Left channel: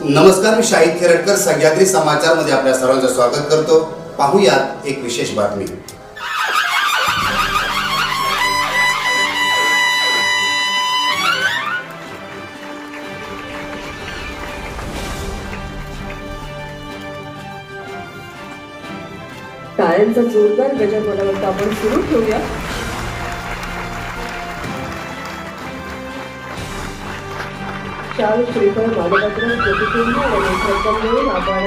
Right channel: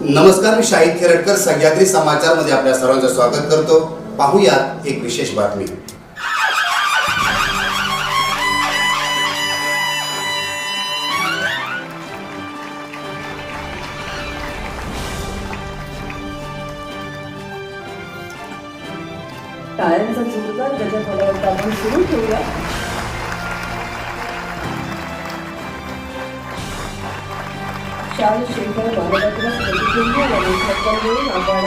नमस्कार मी शाहिद खेरटकर सह्याद्री समाचारमध्ये आपल्या सर्वांचं स्वागत करतो. पाहूयात एक विशेष बातमी. टाळ्यांचा जोरदार गजर बघायला आपण सुरू ठेवूया शाल श्रीफळ बालपत्र आणि सरकारमुळे आपण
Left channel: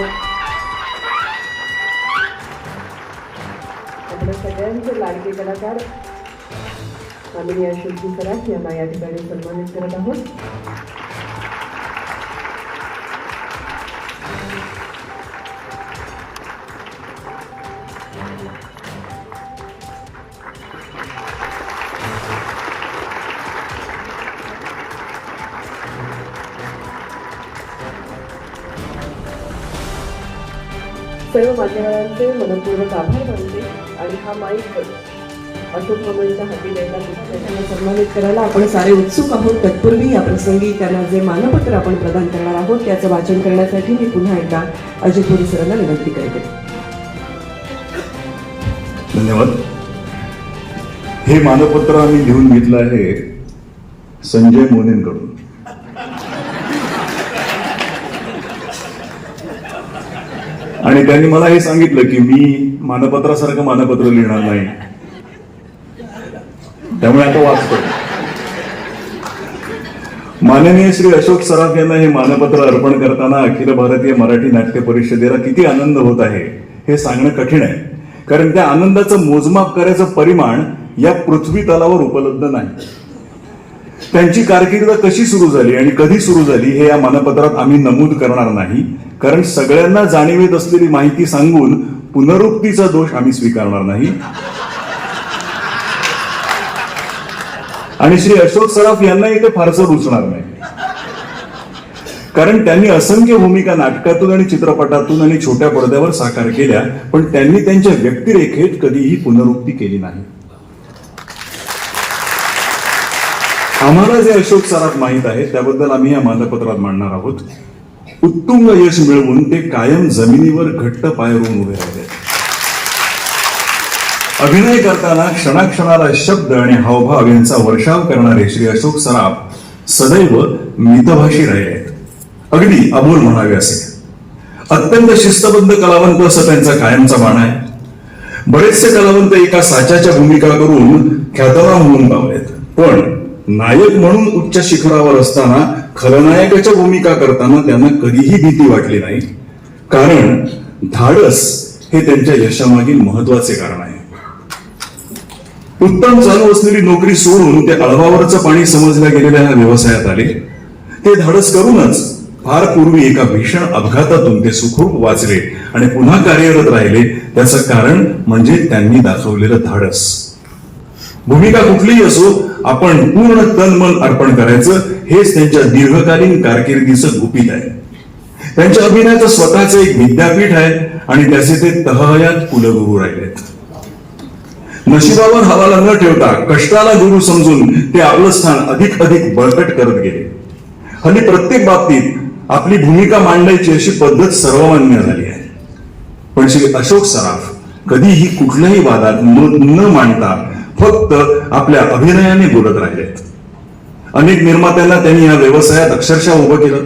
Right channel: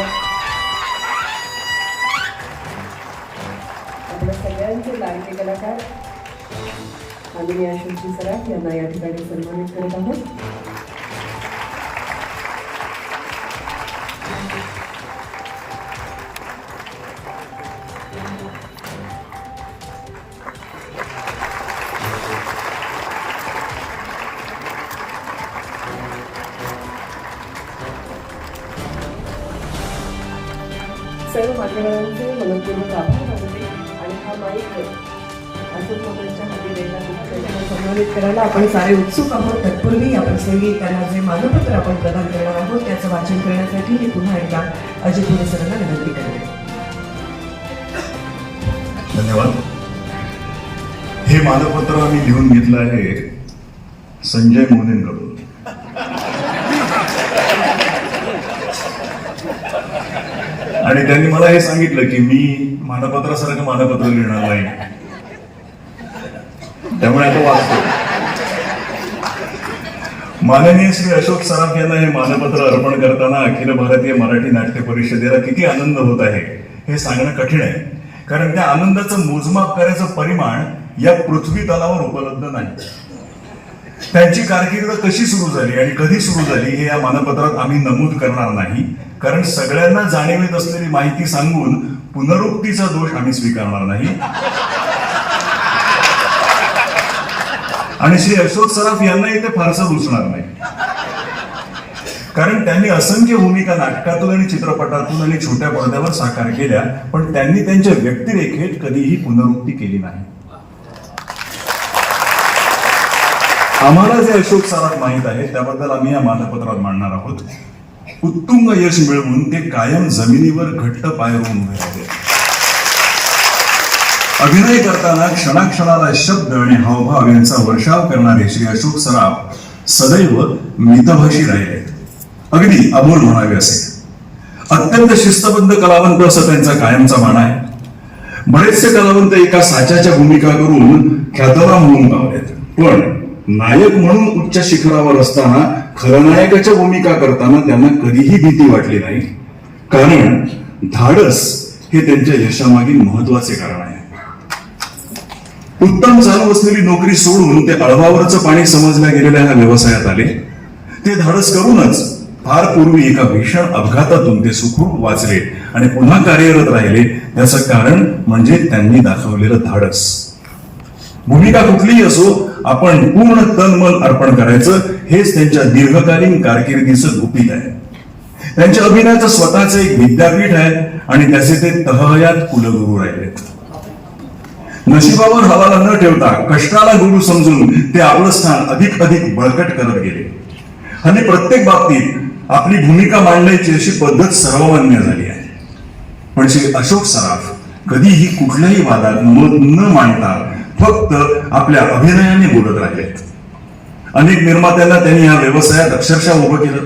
आपल्या सगळ्यांचं लाडके कलाकार आम्ही या शिल्पी सराफ यांना या ठिकाणी सन्मानित करत आहोत सर्व मान्यवरांचे मनपूर्वक आभार मानते आणि हा माईक अशोक करायला आपण सारे उत्सुक आहोत. तत्पूर्वी या प्रसंगी त्यांना जे मानपत्र आपण प्रदान करणार आहोत त्याचं वाचन करण्यासाठी मी पुन्हा एकदा अजय पुरे सरांना विनंती करते. धन्यवाद. हे मानपत्र आम्ही लिहून घेतलं आहे संजय मोनेंकडून. आणि त्यांनी मला हे सांगितलं की मी मानपत्रासारखं मानपत्र लिहिणार नाही. त्यामुळे आता वाचतो. माननीय श्री अशोक सराफ यांना हे मानपत्र अर्पण करताना अखिल भारतीय मराठी नाट्य परिषदेला किती आनंद होत आहे हे सांगणं कठीण आहे. कारण त्या आनंदाचं मोजमाप करायचं परिमाण या पृथ्वी तलावर उपलब्ध नाही. त्यांची कारकीर्द कशी सुरू झाली आणि कधी सुरू झाली हे या मानपत्रात आम्ही नमूद करणार नाही. कारण सगळ्यांना जाणीवेत असलेली माहिती सांगून पुनरुक्तीचा दोष आम्ही स्वीकारणार नाही. आणि श्री अशोक सराफ यांना इथे फारसं रुचणार नाही. कारण त्यांनी असंख्य भूमिका नाटकातून आणि चित्रपटातून आणि छोट्या पडद्यावर साकार केल्या पण त्यांनी त्यांच्या व्यक्तिरेखेत कधीही पुनरुक्ती केली नाही. आम्हाला जे अशोक सराफ माहीत आहे त्याबद्दल आम्ही या मानपत्रात मांडणार आहोत. उत्तुंग यश मिळवून ते कायम जमिनीवर घट्ट पायावरून उभे राहिले. अभिनय करताना क्षणाक्षणाला शब्द आणि हावभाव यांचा वर्षाव करणारे श्री अशोक सराफ सदैव मितभाषी राहिले आहेत. अगदी अबोल म्हणावे असे. अत्यंत शिस्तबद्ध कलावंत असं त्यांचा कायमचा मान आहे. बरेचसे कलावंत एका साच्याच्या भूमिका करून ख्यातनाम होऊन गावलेत. पण नायक म्हणून उच्च शिखरावर असताना खलनायकाच्या भूमिका करताना त्यांना कधीही भीती वाटली नाही. कारण धाडस हे त्यांच्या यशामागील महत्त्वाचे कारण आहे. उत्तम चालू असलेली नोकरी सोडून ते अळवावरचं पाणी समजल्या गेलेल्या ह्या व्यवसायात आले. ते धाडस करूनच फार पूर्वी एका भीषण अपघातातून ते सुखरूप वाचले आणि पुन्हा कार्यरत राहिले. त्याचं कारण म्हणजे त्यांनी दाखवलेलं धाडस. भूमिका कुठलीही असो आपण पूर्ण तन मन अर्पण करायचं. हेच त्यांच्या दीर्घकालीन कारकिर्दीचं गुपित आहे. त्यांच्या अभिनयाचं स्वतःचं एक विद्यापीठ आहे आणि त्याचे ते तहयात कुलगुरू राहिलेत. नशिबावर हवाला न ठेवता कष्टाला गुरु समजून ते आपलं स्थान अधिक अधिक बळकट करत गेले. आणि प्रत्येक बाबतीत आपली भूमिका मांडण्याची अशी पद्धत सर्वमान्य झाली आहे. पण श्री अशोक सराफ कधीही कुठल्याही वादात मत न मांडता फक्त आपल्या अभिनयाने बोलत राहिलेत अनेक निर्मात्यांना त्यांनी या व्यवसायात अक्षरशः उभं केलं.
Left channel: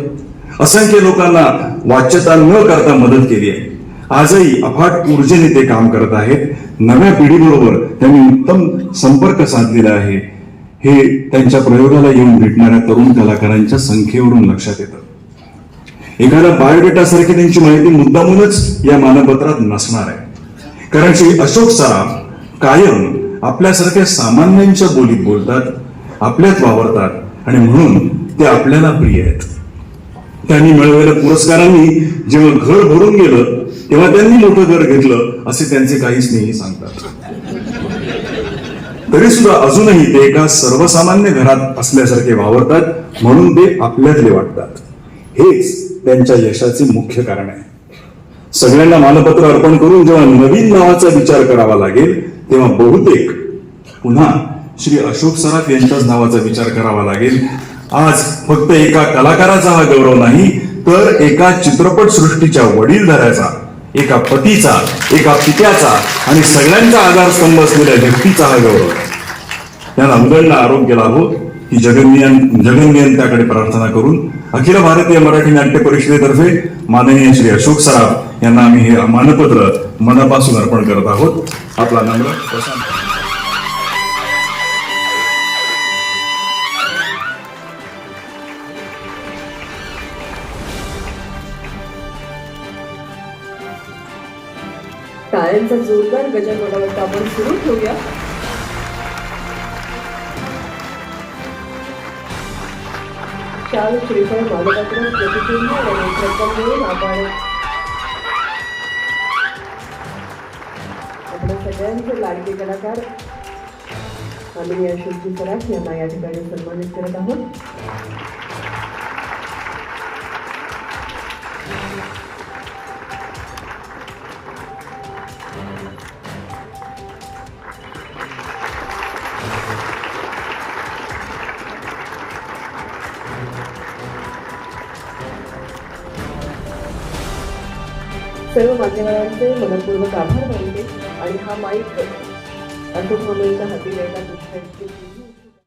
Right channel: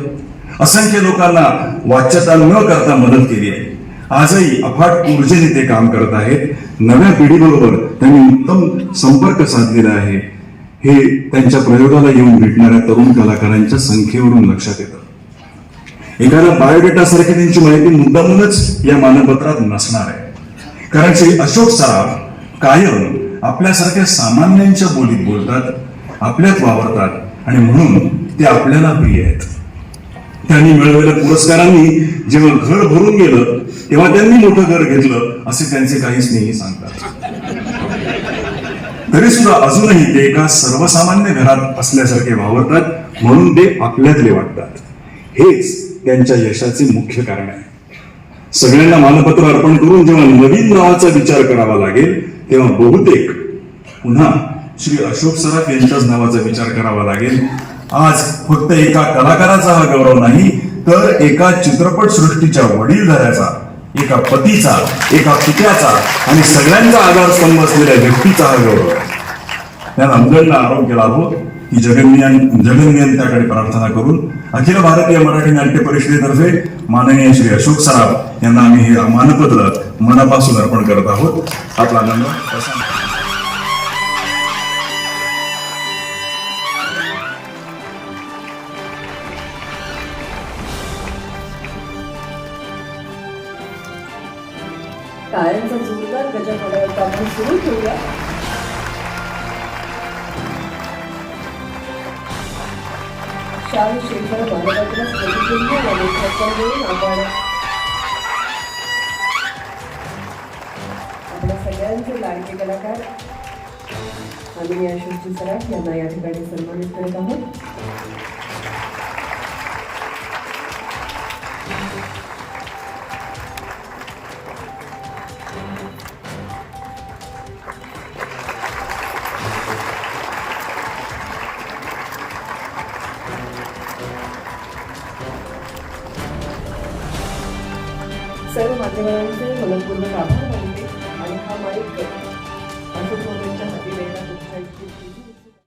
असंख्य लोकांना वाच्यता न करता मदत केली आहे. आजही अफाट ऊर्जेने ते काम करत आहेत. नव्या पिढीबरोबर त्यांनी उत्तम संपर्क साधलेला आहे. हे त्यांच्या प्रयोगाला येऊन भेटणाऱ्या तरुण कलाकारांच्या संख्येवरून लक्षात येतं. एखाद्या बायोडेटा सारखी त्यांची माहिती मुद्दामूनच या मानपत्रात नसणार आहे. कारण श्री अशोक सराफ कायम आपल्यासारख्या सामान्यांच्या बोलीत बोलतात आपल्यात वावरतात आणि म्हणून ते आपल्याला प्रिय आहेत. त्यांनी मिळवलेल्या पुरस्कारांनी जेव्हा घर भरून गेलं तेव्हा त्यांनी मोठं घर घेतलं असे त्यांचे काही स्नेही सांगतात. तरी सुद्धा अजूनही ते एका सर्वसामान्य घरात असल्यासारखे वावरतात म्हणून ते आपल्यातले वाटतात. हेच त्यांच्या यशाचे मुख्य कारण आहे. सगळ्यांना मानपत्र अर्पण करून जेव्हा नवीन नावाचा विचार करावा लागेल तेव्हा बहुतेक पुन्हा श्री अशोक सराफ यांच्याच नावाचा विचार करावा लागेल. आज फक्त एका कलाकाराचा हा गौरव नाही तर एका चित्रपट सृष्टीच्या वडीलधाऱ्याचा एका पतीचा एका पित्याचा आणि सगळ्यांचा आधारस्तंभ असलेल्या व्यक्तीचा हा गौरव. या नवगणना आरोग्य लाभो ही जगनियन जगनियंत्याकडे प्रार्थना करून अखिल भारतीय मराठी नाट्य परिषदेतर्फे माननीय श्री अशोक सराफ यांना आम्ही हे मानपत्र मनापासून अर्पण करत आहोत. आपला नम्र जोरदार गजर कामून सुरू चार शाल श्रीफळ मानपत्र प्रतिबिंब आणि छप्पन मिळून आपण आपल्या सगळ्यांचे लाडके कलाकार आम्ही अशोकजी सराफ यांना या ठिकाणी सन्मानित करत आहोत. सर्व मान्यवरांचे मनपूर्वक आभार मानते आणि हा माईक अशोक मुलांच्या हाती